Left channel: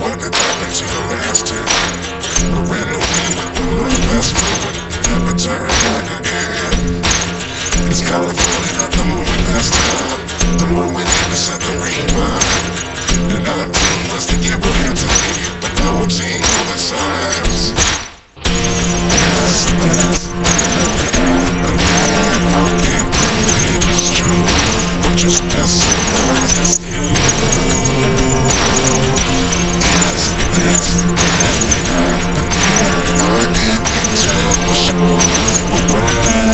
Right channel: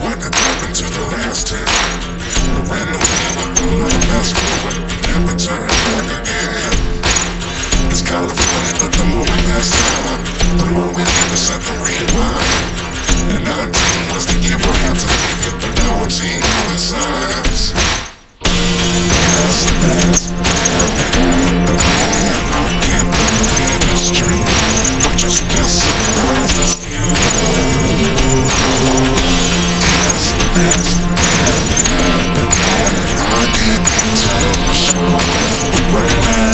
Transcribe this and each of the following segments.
what could happen to the last time. I ran away with the little best woman, never turn back again. It's California, but the more we pass time, the more we never set the rewind. And our dream was to give a hand to take it, but now we're seeing all the signs. Yes, yes, I can't believe it's true, but just as surprised as you. Yes, yes, I can't tell for sure, but right now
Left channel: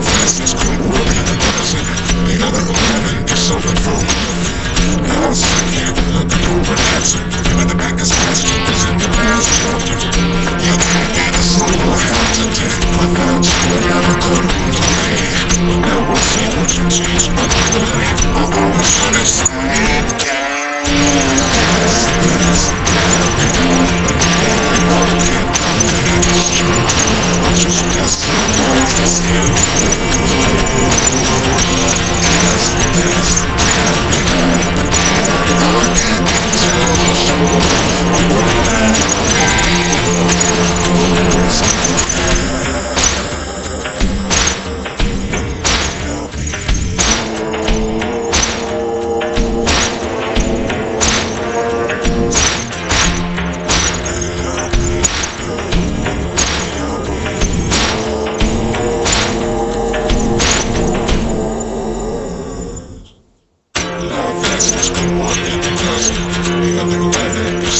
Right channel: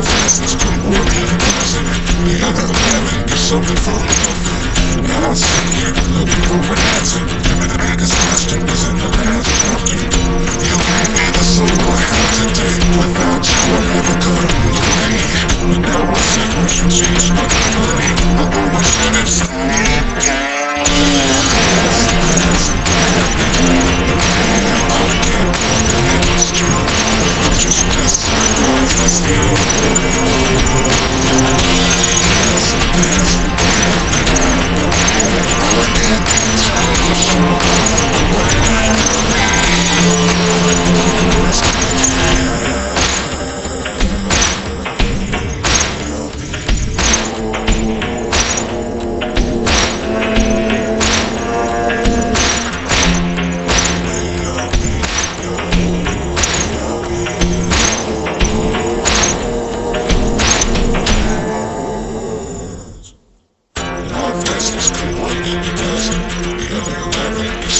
fastest could work in the president. The other 11 get something from me. Now I'm sitting here looking for an answer. Giving the biggest question was in the last chapter. You can't be the soul I have today. Without you, I never could have moved away. But now I see what you changed my mind. I always should have stayed. Just as surprised as you.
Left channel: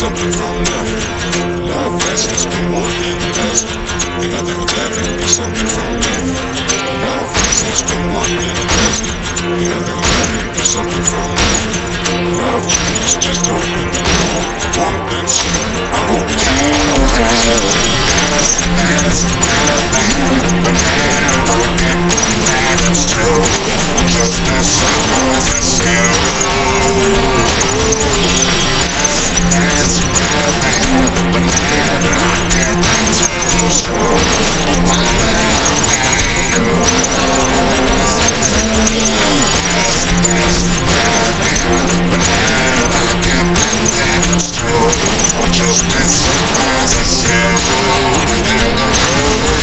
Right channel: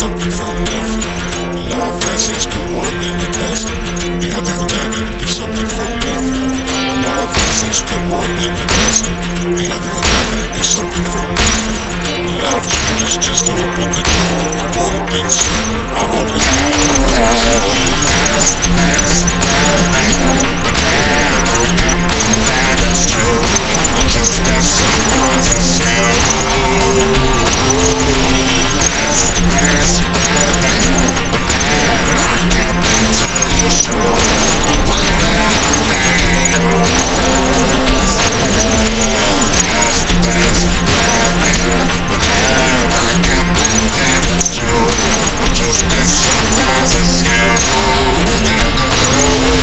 Something from nothing. Love lessons can work in the desert. The other 11 is something from nothing. Love lessons can work in the desert. The other 11 is something from nothing. Love changes, just open the door. Open soon. I hope it's just as surprised as you. Just as surprised as you.